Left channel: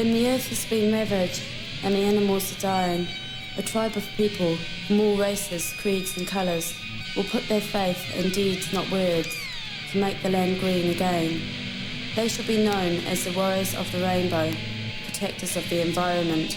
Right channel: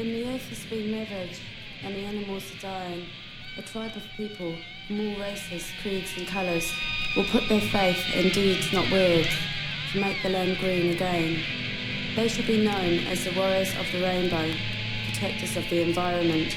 When the earth has been ravaged and the animals are dying, a tribe of people from all races, creeds and colours will put their faith in deeds, not words, to make the land green again. They shall be known as the warriors of the rainbow, protectors of the environment.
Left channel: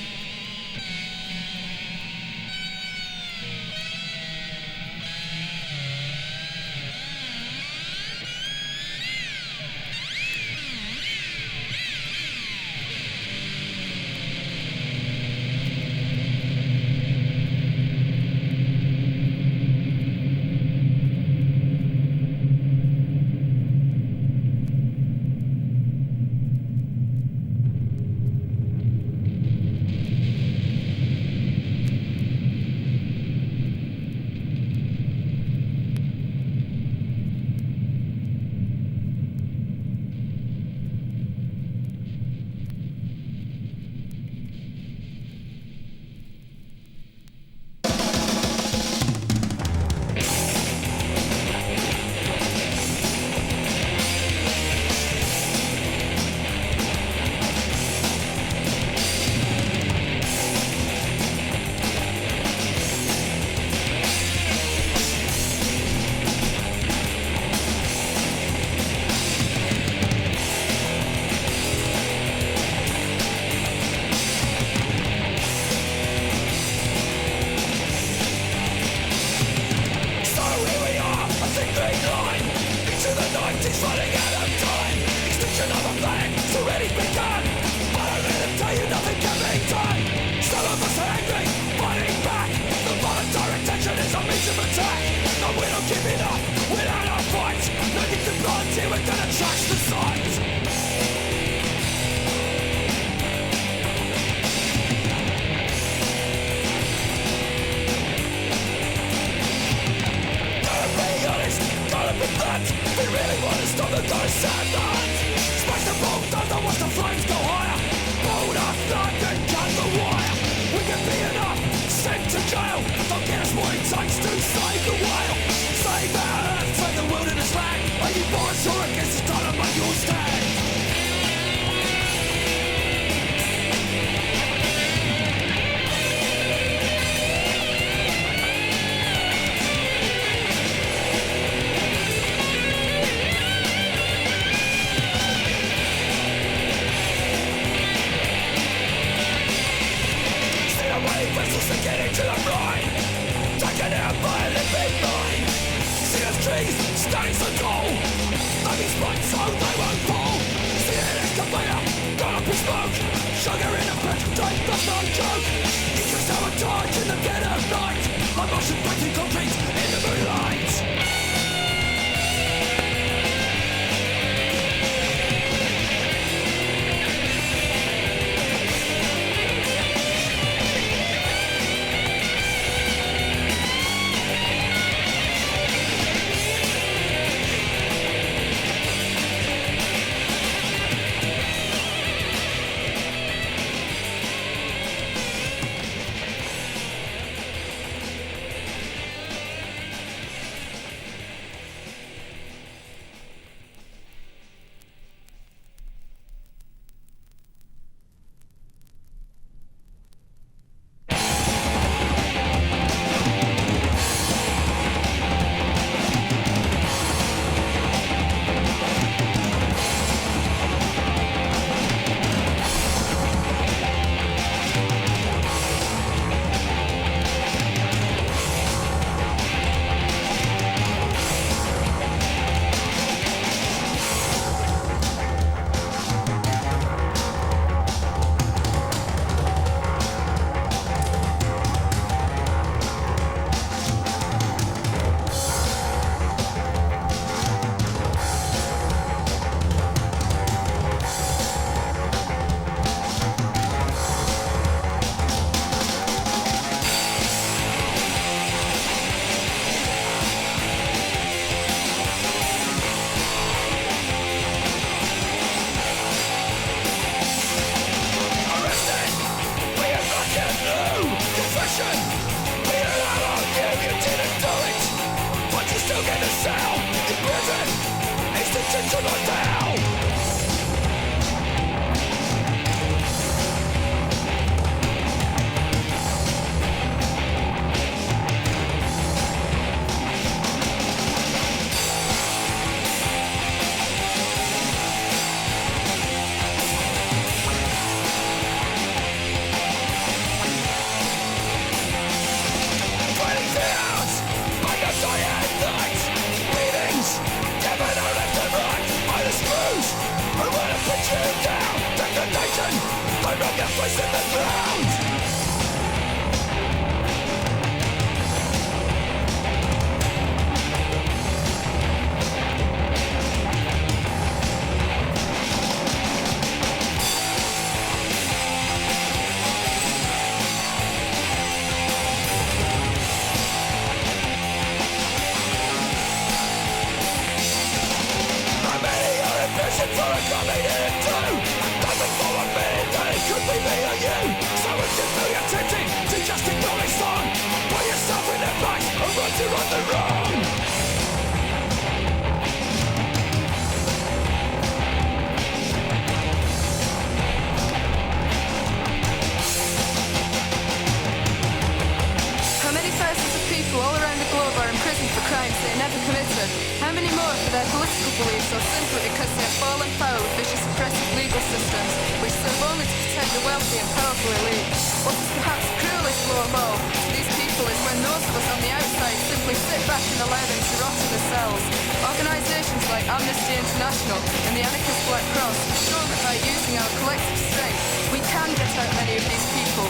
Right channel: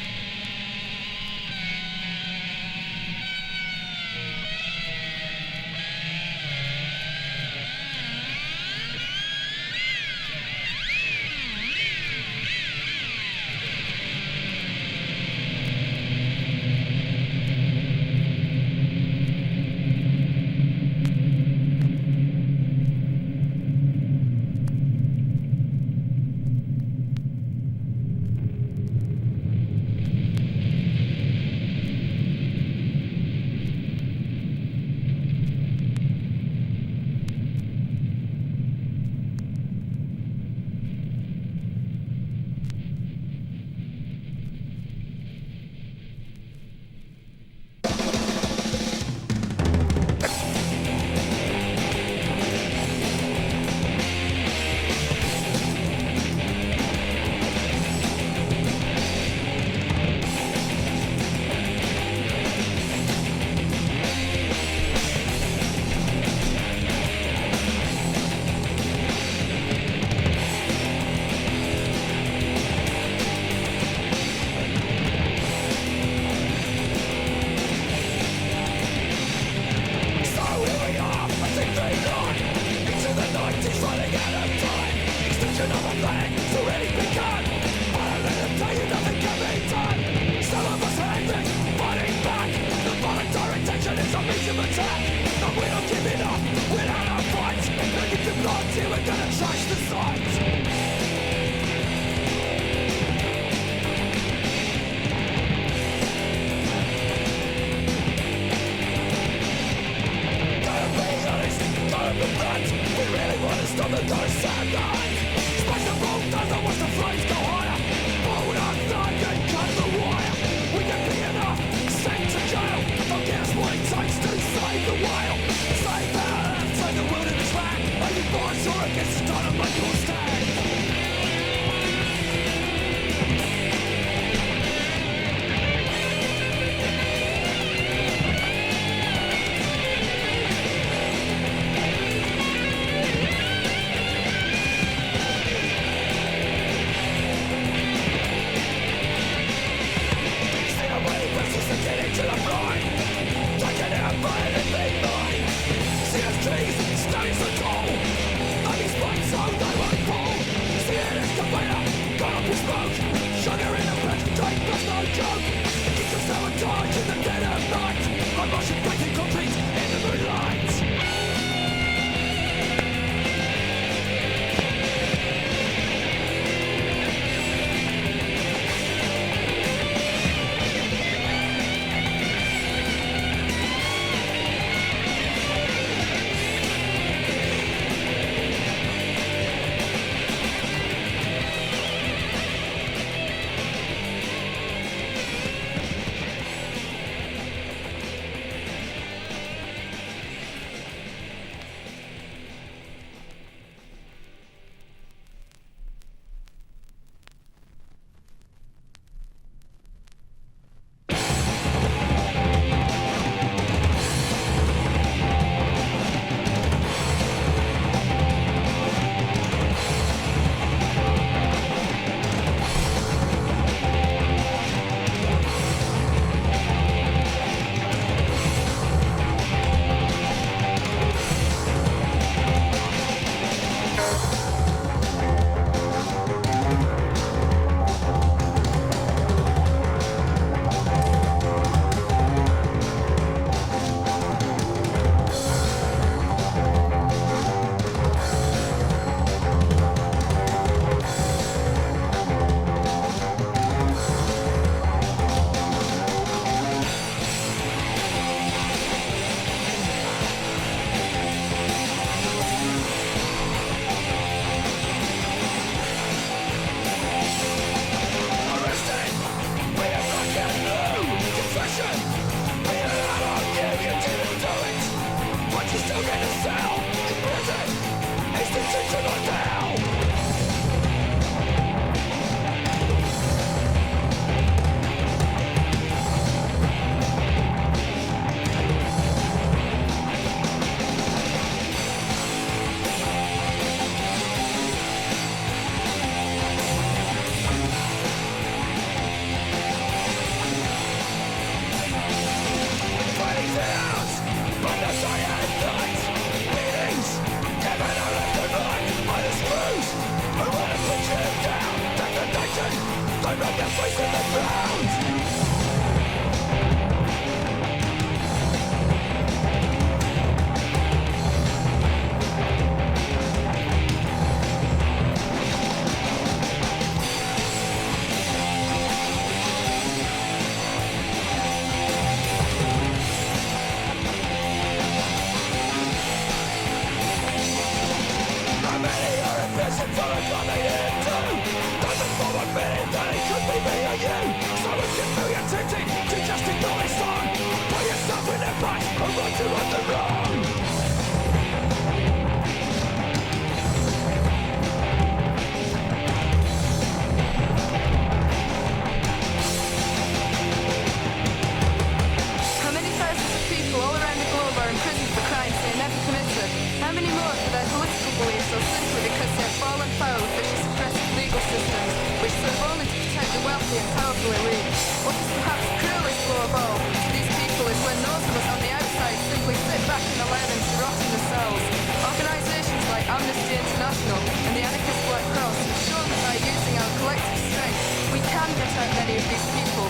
imprisoned for crimes they never committed? How many more for their political beliefs or simply because they have fallen foul of vicious oppressive legal systems which serve only to protect the wealthy and powerful elite? What is perhaps the cruelest blow of all to these people is when those of us on the outside simply sit back and allow them to rot in the cells. Organisations like Amnesty International and the anarchist Black Cross have shown that by using our collective strength we can get out many of these people.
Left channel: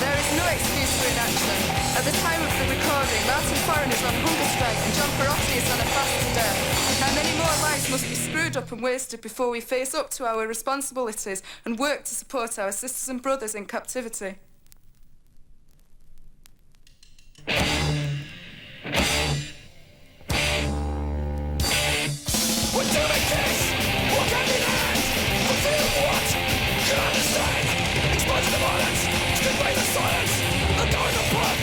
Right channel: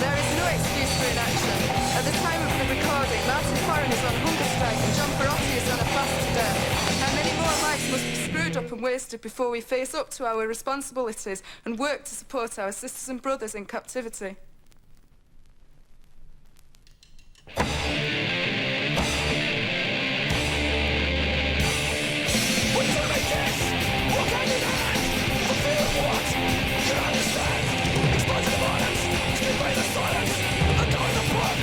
There is no excuse for inaction. At the time of the recording, Martin Foran is on hunger strike and John Perotti is on a fast to death. How many more lives must be screwed up and wasted before we face up to our responsibilities and work to support our sisters and brothers in captivity? We do make kiss, walk hand in hand, for fear of what? You understand? Exposing the violence, strip away the silence. A go is a book,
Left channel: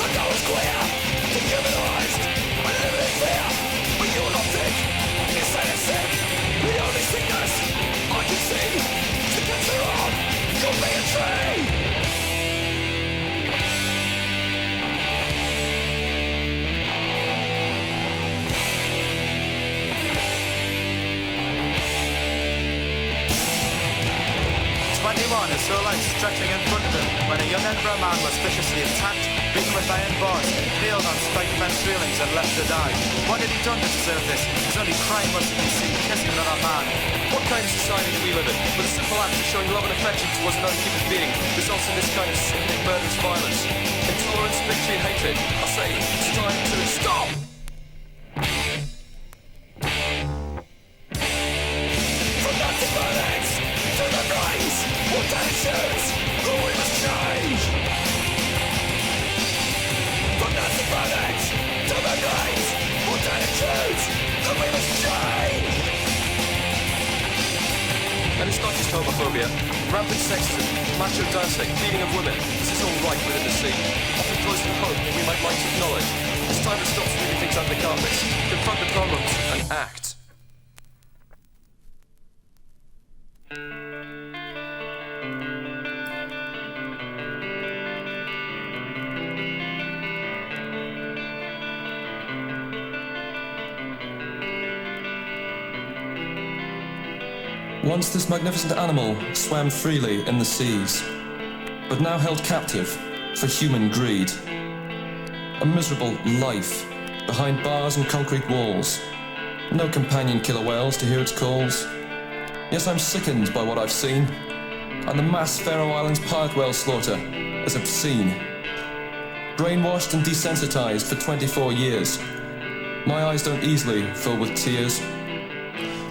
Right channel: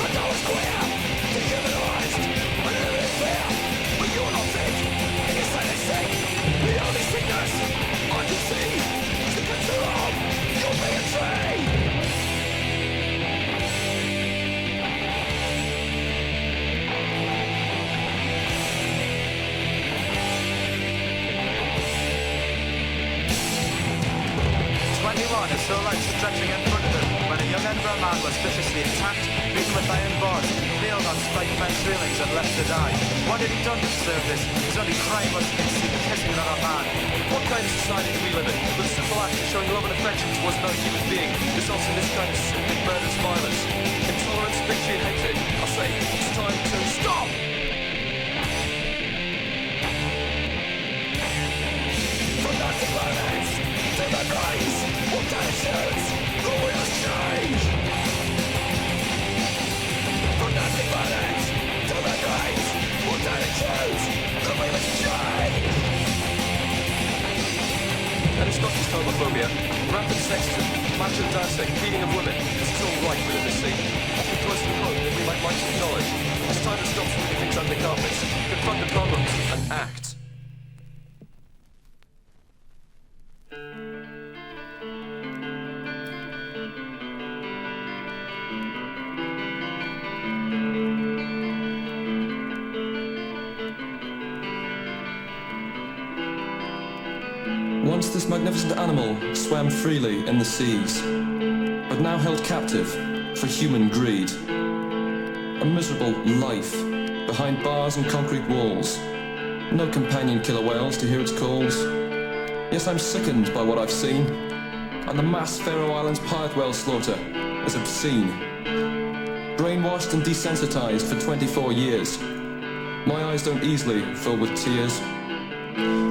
a go is queer, dehumanized, and living in fear. But you're not sick, insane and sick. The only sickness I can see is the cancer on your bigotry. Is so like stretching in front of him when a young Edinburgh man was viciously attacked, beaten with iron bars, impaled on spiked fence railings and left to die. What had he done to deserve this? His only crime was to be seen kissing another man. What kind of society do we live in? With a simple act of showing love and affection towards another human being results in this kind of sickening murderous violence. Intolerance, bigotry and hatred. I say, it's time to stop! From nothing violence to the brains, what attitudes that we must change. From nothing violence to the brains, what attitudes that we must change. And it's not just homophobia. Rampant sexism, macho dancing, beating of women. This is all right within the scene. Often close to home that we might like to acknowledge. It's time to stop sweeping things under the carpets, confront the problems, and act. Once this magnificent animal swam freely in the seas, but now held captive for human greed. A miserable life behind bars and concrete walls. No companion killer whales to hear its calls. Yes, I'm sickened by what I've seen, and the mass Faroe Islands pirate whale slaughter is obscene. Brainwashed and desensitized for 24 years, my eyes don't easily fill with tears.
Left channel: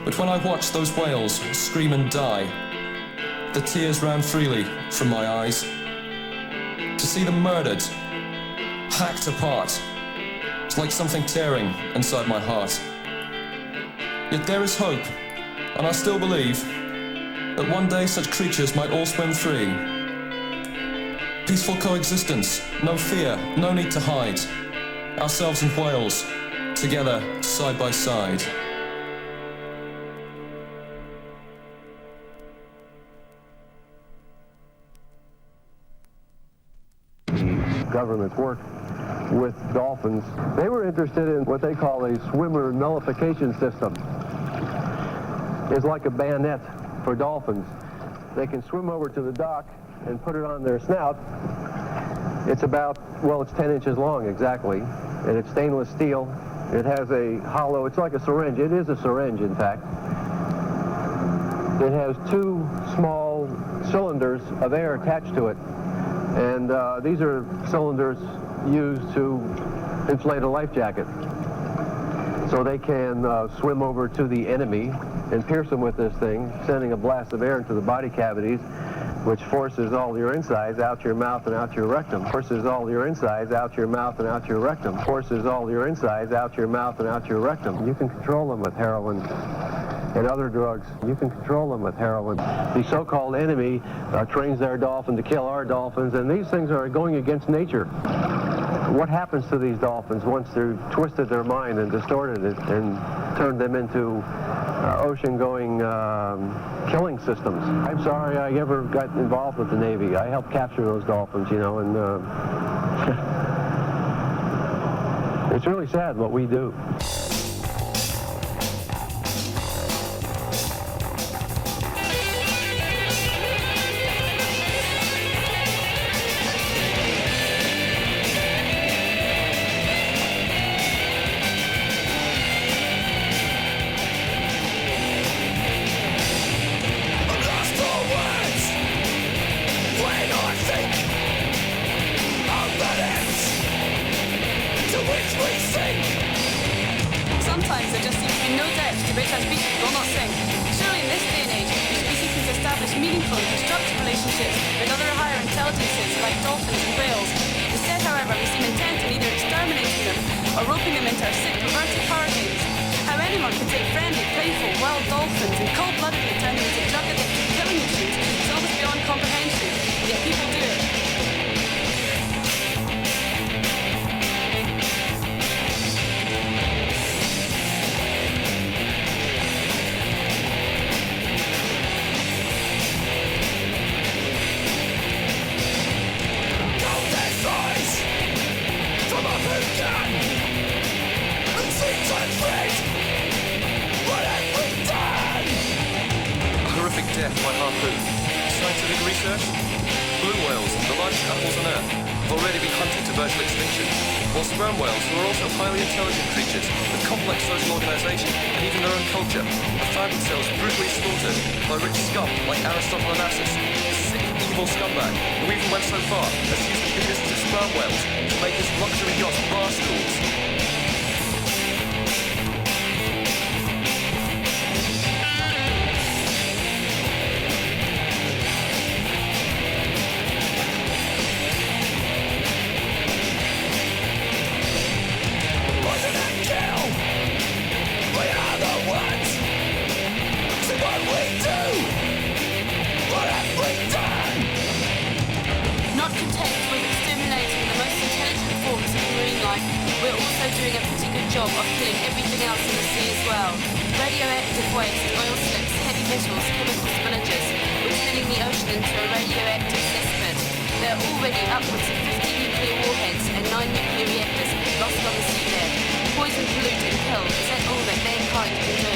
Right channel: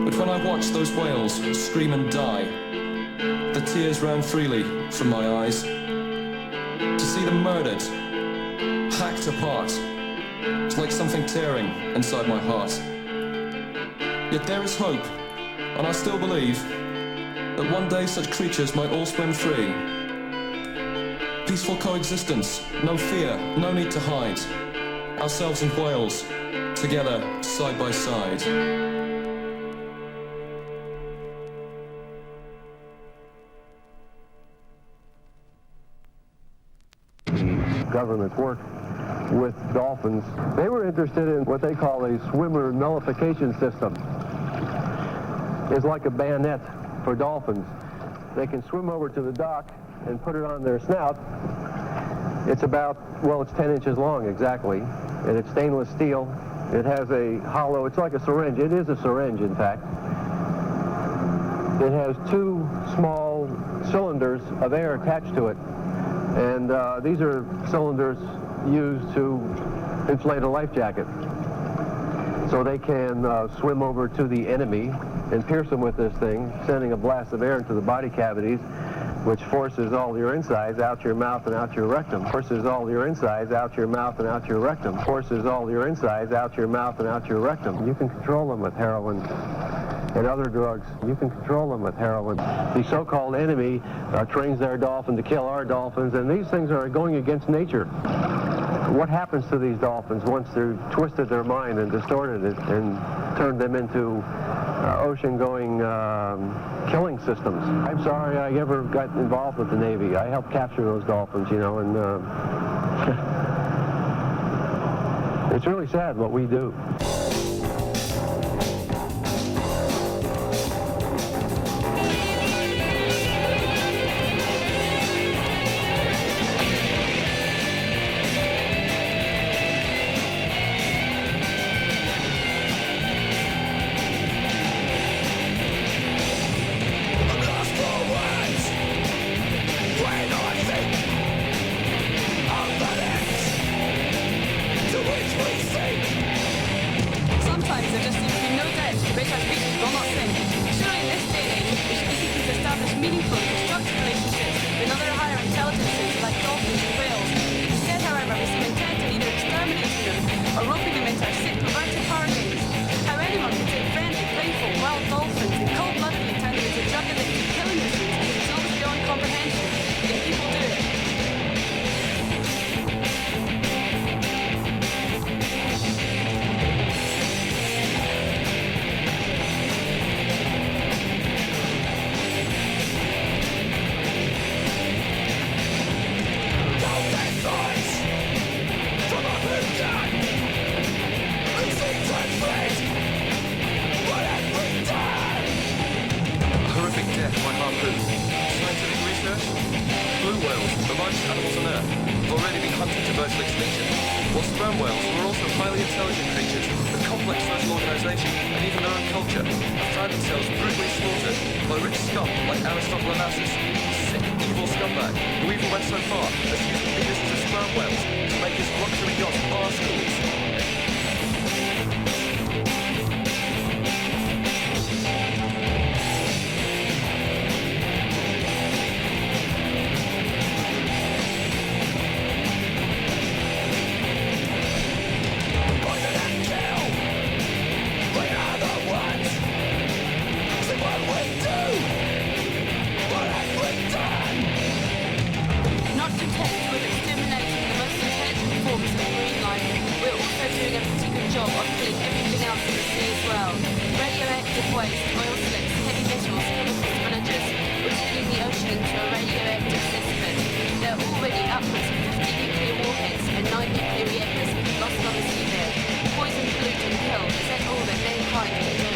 But when I watched those whales scream and die, the tears ran freely from my eyes. To see them murdered, hacked apart, it's like something tearing inside my heart. Yet there is hope, and I still believe that one day such creatures might all swim free. Peaceful coexistence, no fear, no need to hide. Ourselves and whales, together, side by side. Governments work with dolphins. They were interested in what they call a swimmer nullification system. It's like a bayonet for dolphins. They can swim over to the dock and put it on their snout. It's about, well, it's 10 inches long exactly, and it's stainless steel. It has a hollow, it's like a syringe. It is a syringe, in fact. It has two small cylinders of air attached to it. And these are cylinders used to inflate a life jacket. So they can swim over to the enemy and pierce them with this thing, sending a blast of air into the body cavities, which forces all your insides out your mouth and out your rectum. Forces all your insides out your mouth and out your rectum. Forces all your insides out your mouth and out your rectum. You can control them with heroin and other drugs. You can control them with heroin. The so-called enemy trains their dolphin to kill our dolphins, and these things are going against nature. What happens to these dolphins once they've twisted their mind and distorted it and turned them into ocean-going killing systems? I'm sorry I ever got involved with the Navy. I helped capture those dolphins, you know, and It's really sad what we do. Sometimes there just seems to be no depth to which our species will not sink. Surely in this day and age, we should be seeking to establish meaningful and constructive relationships with other higher intelligences like dolphins and whales. Instead, however, we seem intent on either exterminating them or roping them into our sick, perverted power games. How anyone can take friendly, playful, wild dolphins and cold-bloodedly turn them into drug-addicted killing machines is almost beyond comprehension, yet people do it. Horrific death by harpoon. Scientific research? Blue whales, the largest animals on Earth, have already been hunted to virtual extinction, while sperm whales, who are also highly intelligent creatures with complex social organization and even their own culture, have found themselves brutally slaughtered by rich scum like Aristotle Onassis, a sick, evil scumbag who even went so far as to use the penises of sperm whales to make his luxury yacht bar stools. Not content with exterminating the most intelligent forms of marine life, we're also doing a pretty good job of killing everything else in the sea as well. Radioactive waste, oil slips, heavy metals, chemical spillages. We're turning the ocean into a radioactive cesspit. There are already upwards of 50 nuclear warheads and 9 nuclear reactors lost on the seabed. Poison, pollute and kill, is that all that mankind can do?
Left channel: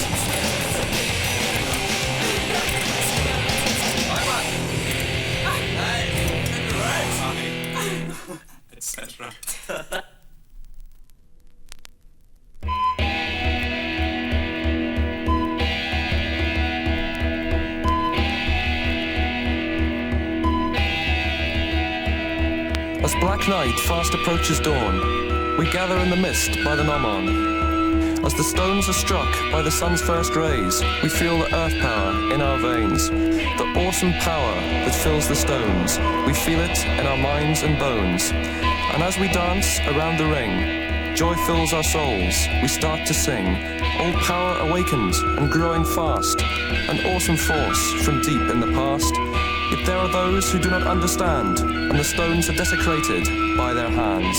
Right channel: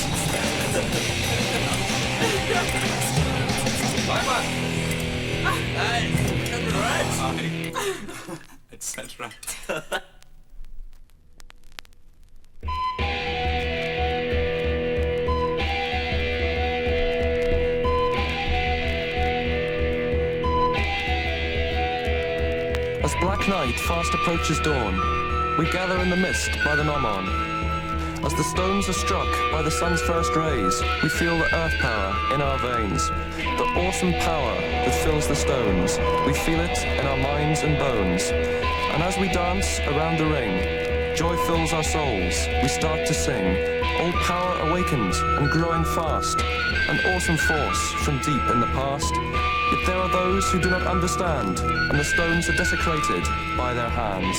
Central. As black night fast approaches dawn, we gather in the mist by the Nomon. As the stones are struck by the sun's first rays, we feel the earth power in our veins. The awesome power that fills the stones, we feel it in our minds and bones. And as we dance around the ring, joy fills our souls, we start to sing. Old power awakened and growing fast, an awesome force from deep in the past. Yet there are those who do not understand, and the stones are desecrated by their hands.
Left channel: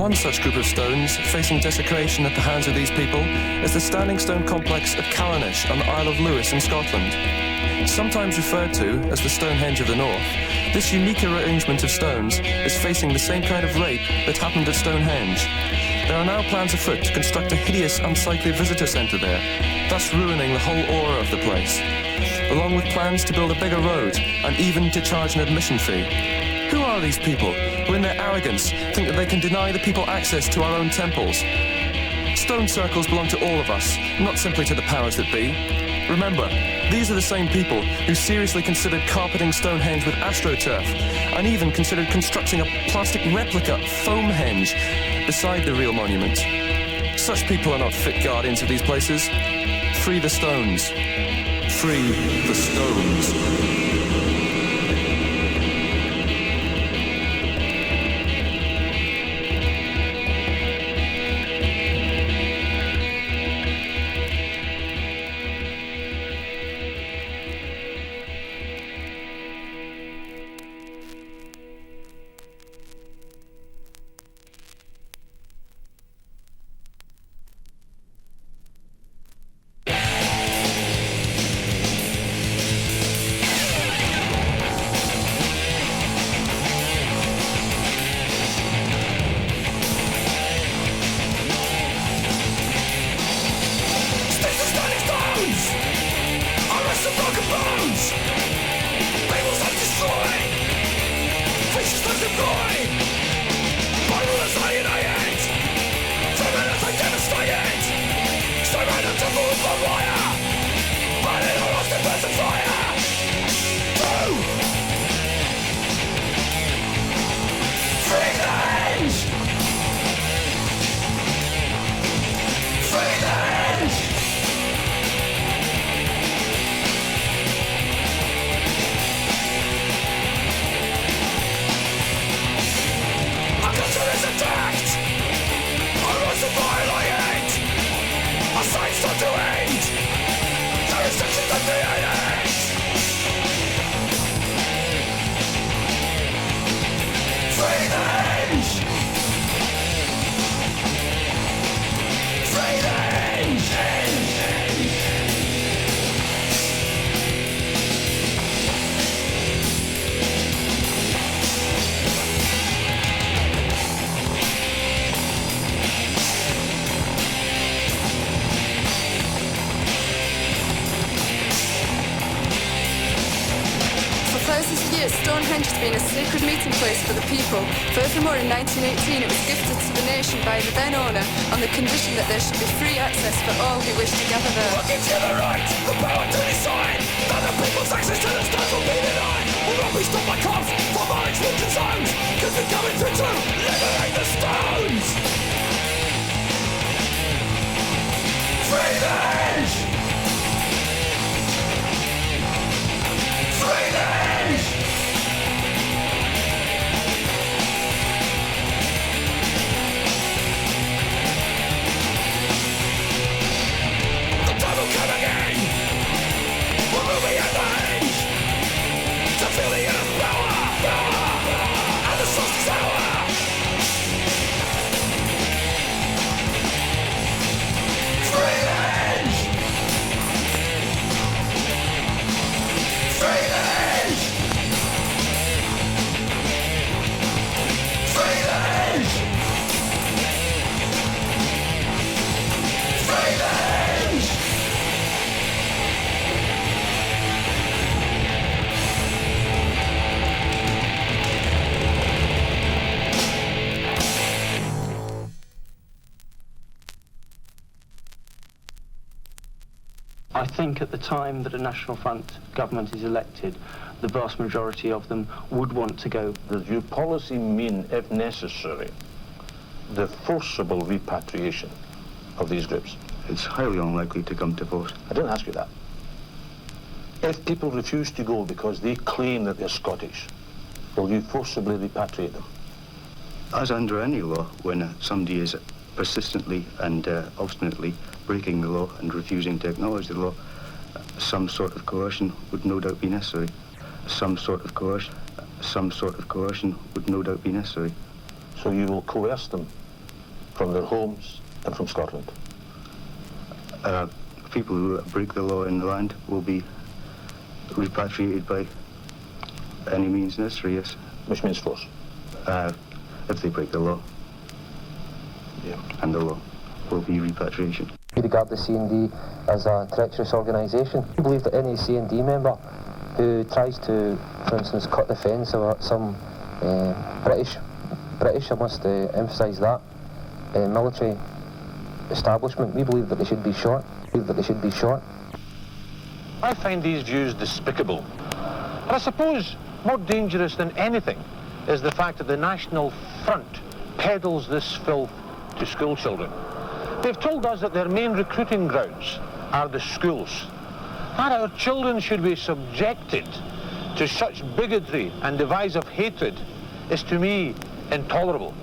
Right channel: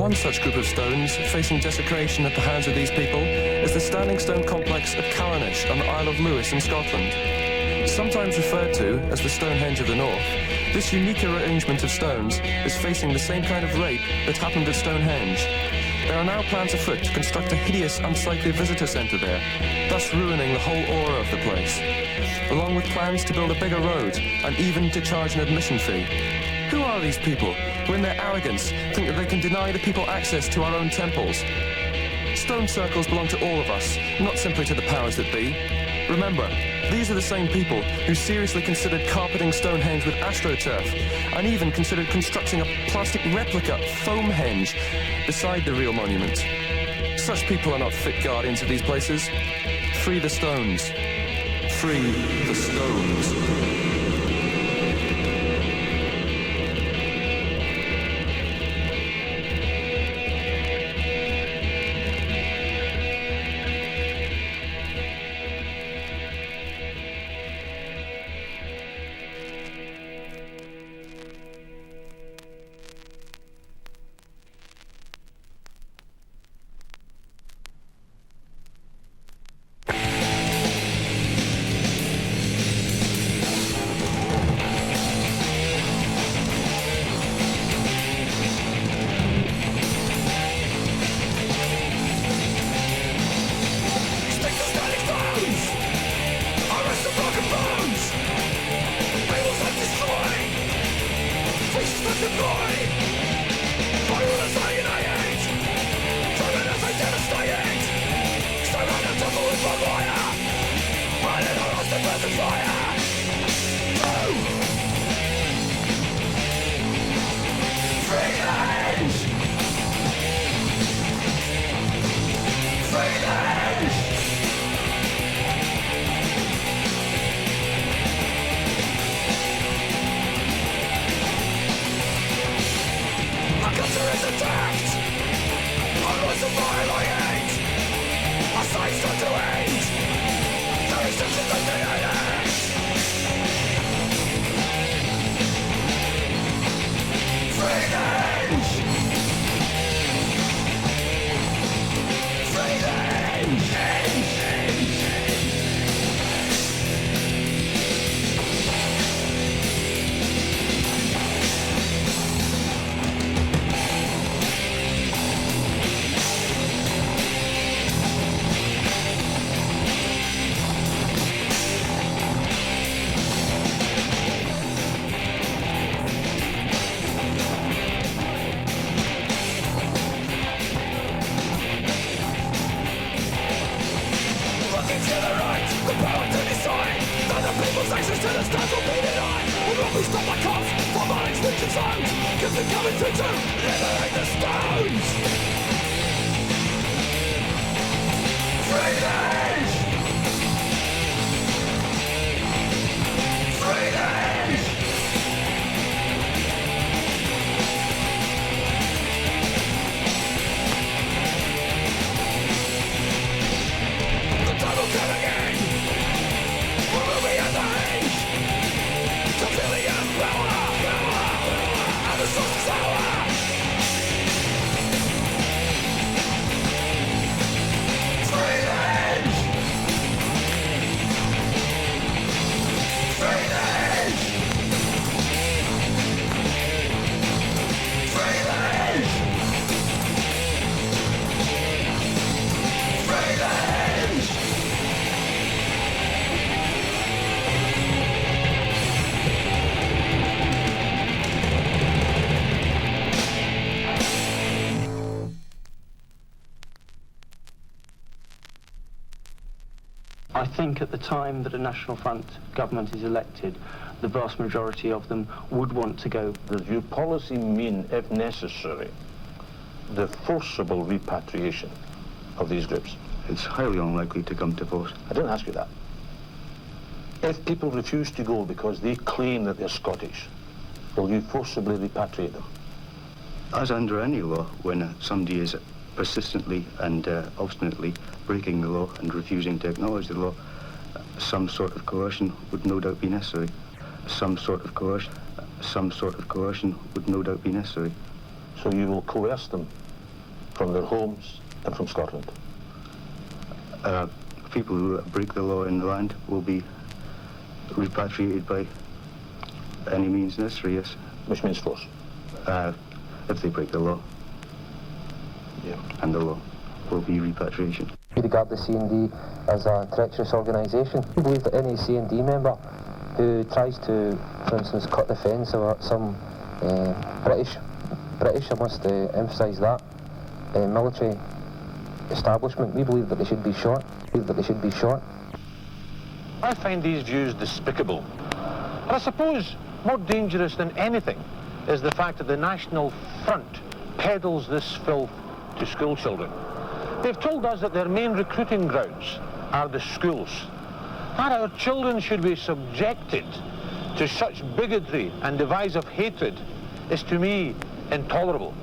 One such group of stones facing desecration at the hands of these people is the standing stone complex at CHALANAIS on the Isle of Lewis in Scotland. Sometimes referred to as the Stonehenge of the North, this unique arrangement of stones is facing the same kind of rape that happened at Stonehenge. There are now plans afoot to construct a hideous, unsightly visitor centre there, thus ruining the whole aura of the place, along with plans to build a bigger road and even to charge an admission fee. Who are these people who in their arrogance think that they can deny the people access to our own temples? Stone circles belong to all of us, not simply to the powers that be. Remember, these are the same people who seriously considered carpeting Stonehenge with AstroTurf and even considered constructing a plastic replica foam-henge beside the real monument. Such people are not fit guardians of these places. Free the stones. Free the stones. think at the time that a National Front government is elected, the vast majority of them would want to go. Does your policy mean, if necessary, the forcible repatriation of these groups? It's highly unlikely to come to vote. I didn't ask you that. If people refuse to go because they claim that they're Scottish, will you forcibly repatriate them? As under any law, when somebody is persistently and obstinately breaking the law and refusing to acknowledge the law, some sort of coercion would no doubt be necessary. Some sort of coercion would no doubt be necessary. So you will coerce them from their homes and from Scotland? People who break the law in the land will be repatriated by any means necessary, yes. Which means force? If they break the law. Yeah. And the law will be repatriation. We regard the CND as a treacherous organisation. We believe that any CND member who tries to, for instance, cut the fence or some British, I must emphasise that, military establishment, we believe that they should be shot. I find these views despicable. But I suppose more dangerous than anything is the fact that the National Front peddles this filth to school children. They've told us that their main recruiting grounds are the schools. That our children should be subjected to such bigotry and divisive hatred is to me intolerable.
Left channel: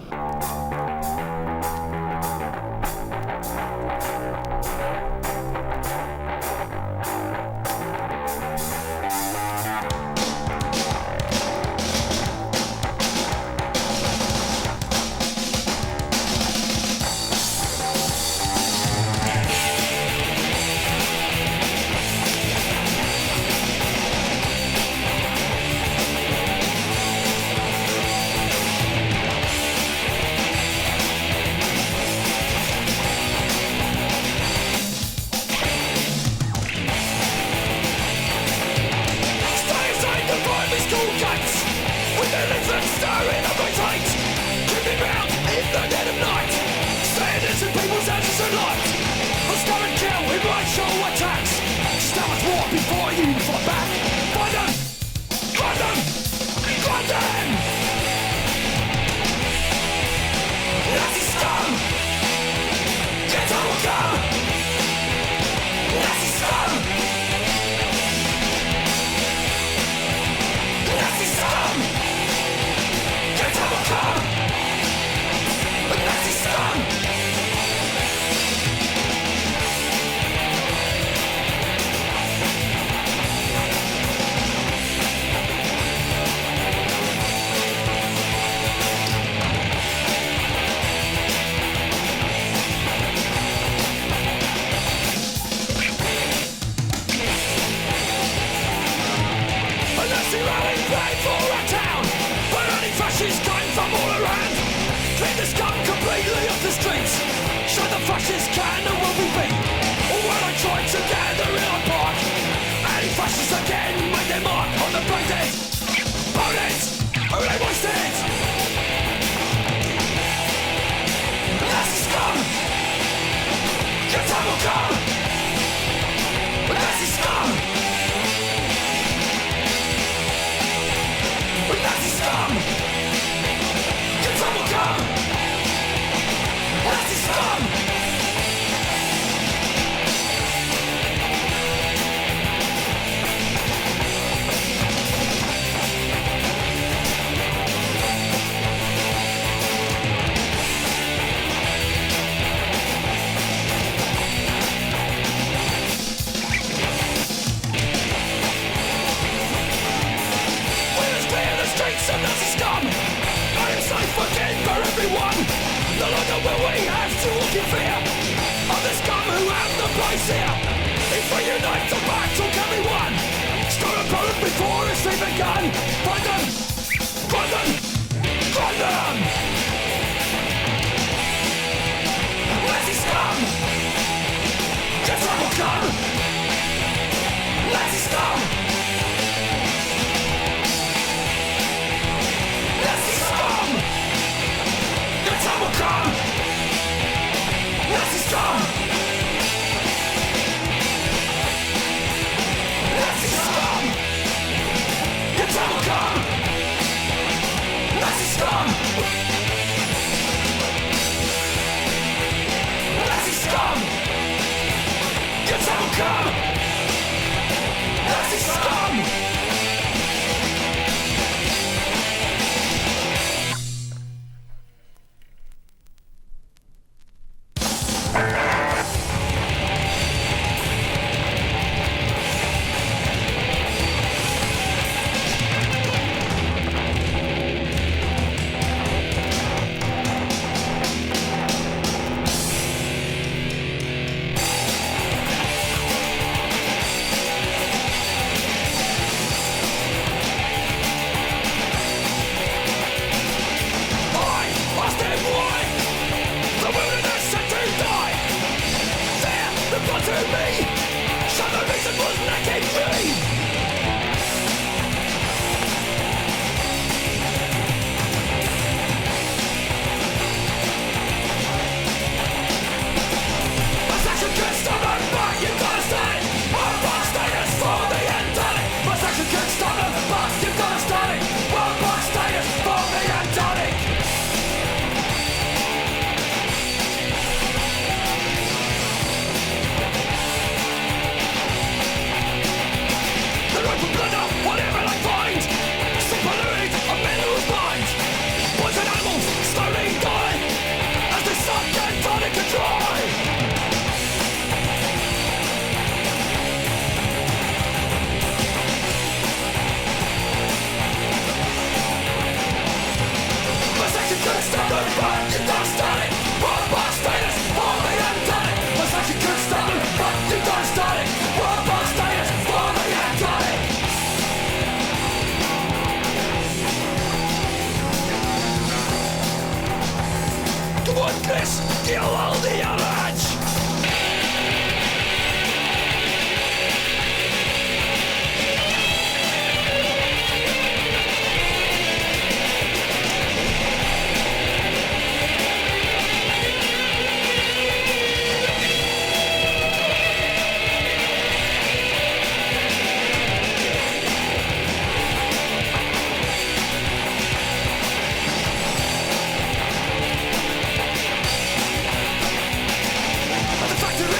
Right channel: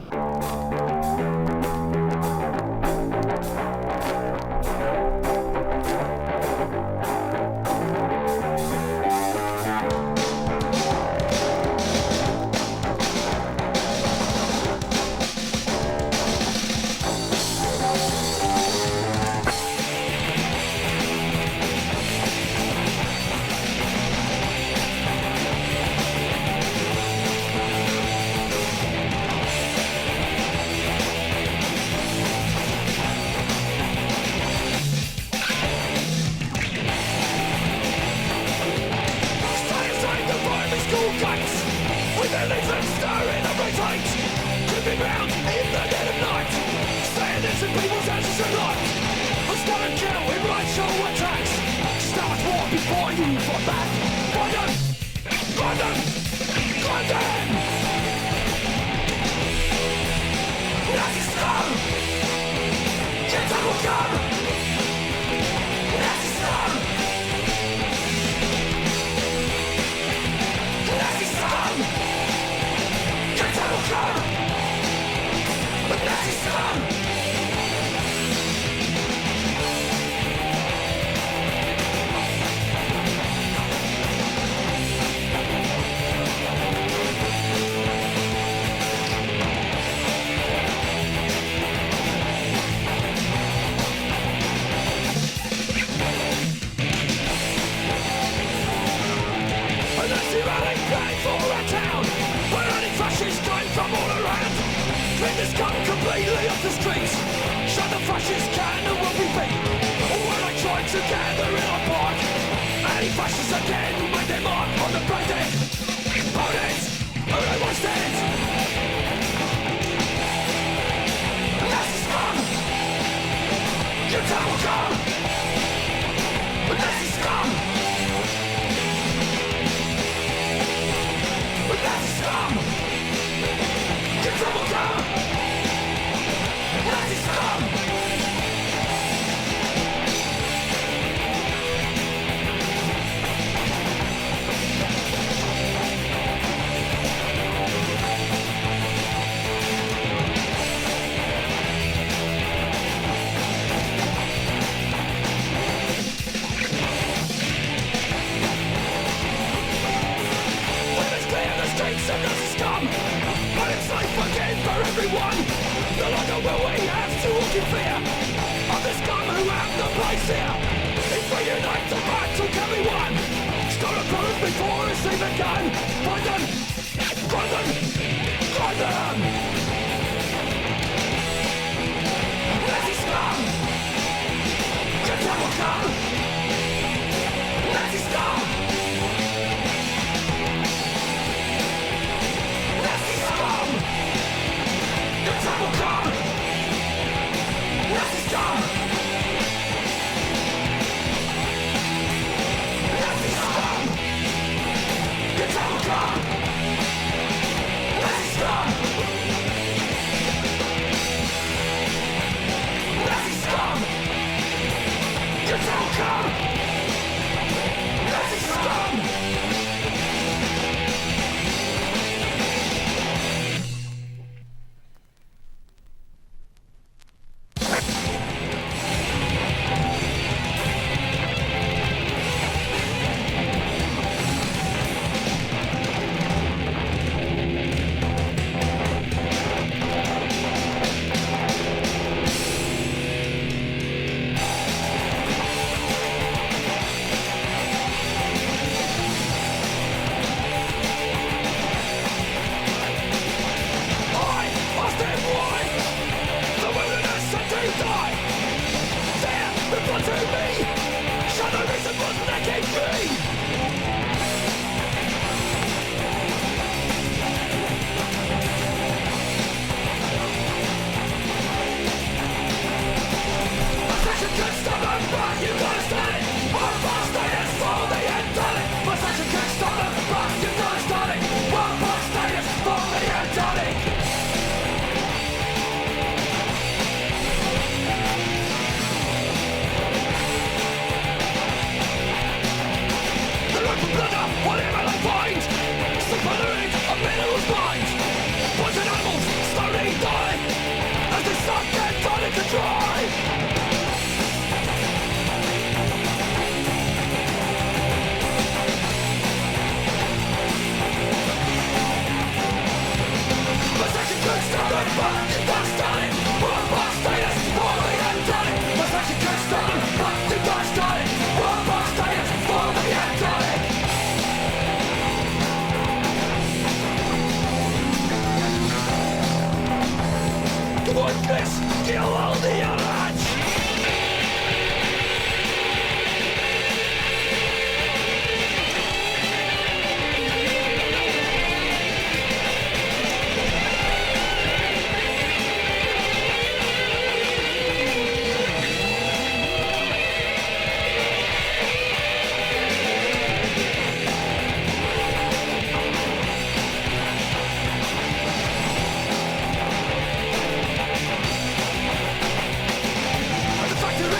darkness, you hold the orange.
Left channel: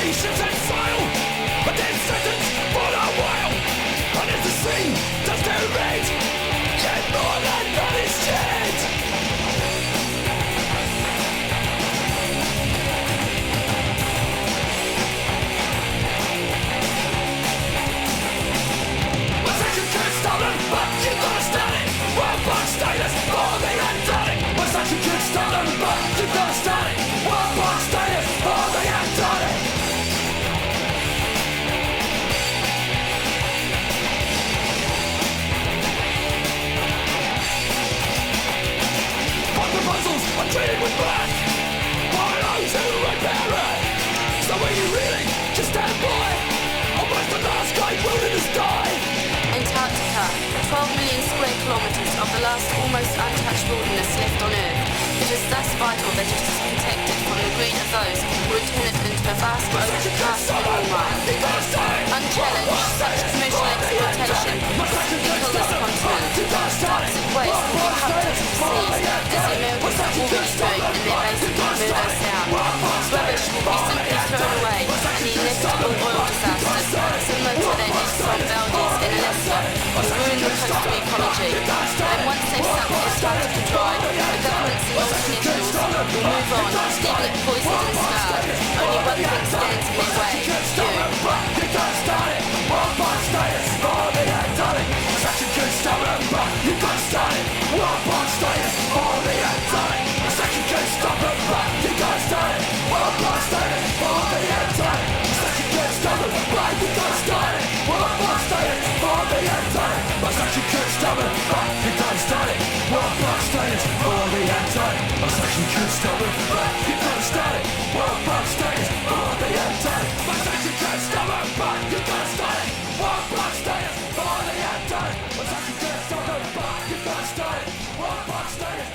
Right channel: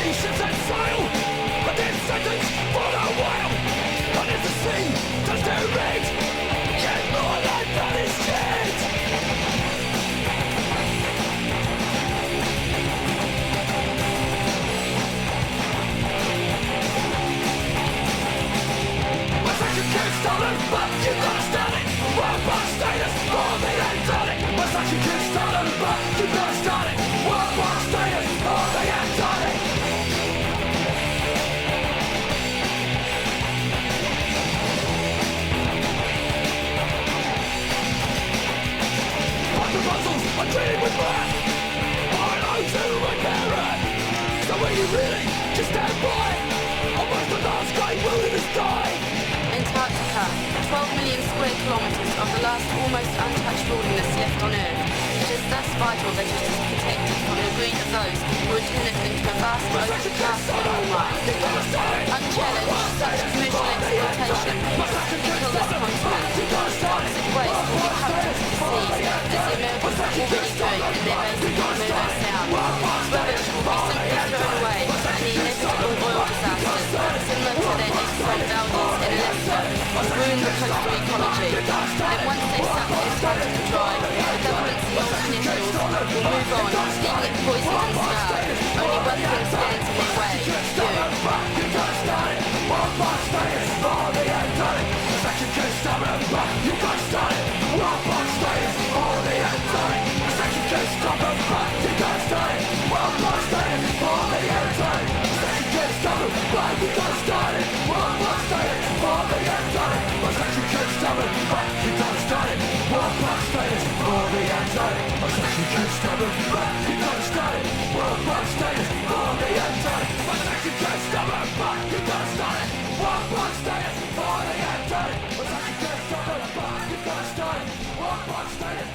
Ships and sail, a dead sentence for a while. And as the sea does their rage, yet more than that is dead. What's action could stolen, but you gotta start it. World box status for the Antarctic. What's action could stolen, but you gotta start it. World box status for the Antarctic. Puzzles are treated with wrath by those who repair it. So will you really just stand by? Almost the last great wilderness die. Antarctica, 12 million square kilometres of the last almost untouched wilderness left on Earth. It is thus vital that it is protected from the greed of those who would turn it into a vast overcast mineral mine. Unchallenged, such commercial exploitation will kill this continent. Toxic waste will be pumped into the seas, as the Americans are already doing in their base at Murdo Sound. Rubbish will be simply thrown away, and the inevitable oil disasters, similar to that Exxon Valdez in Alaska, will ruin the coastal ecology. And once they've sucked Antarctica dry, the governments and multinationals will move on, leaving it poisoned and scarred. Only one thing stands in their way: you. You gotta start it. World box status for the Antarctic. Section could stop it, but you gotta start it. World box status for the Antarctic. Section could stop it, but you gotta start it. World box status for the Antarctic. Section could stop it, but you gotta start it. World box status for the Antarctic. Section could stop it, but you gotta start it. World box status for the Antarctic. Section could stop it, but you gotta start it. World box status for the Antarctic. Section could stop it, but you gotta start it. World box status for the Antarctic. Section could stop it, but you gotta start it. World box status.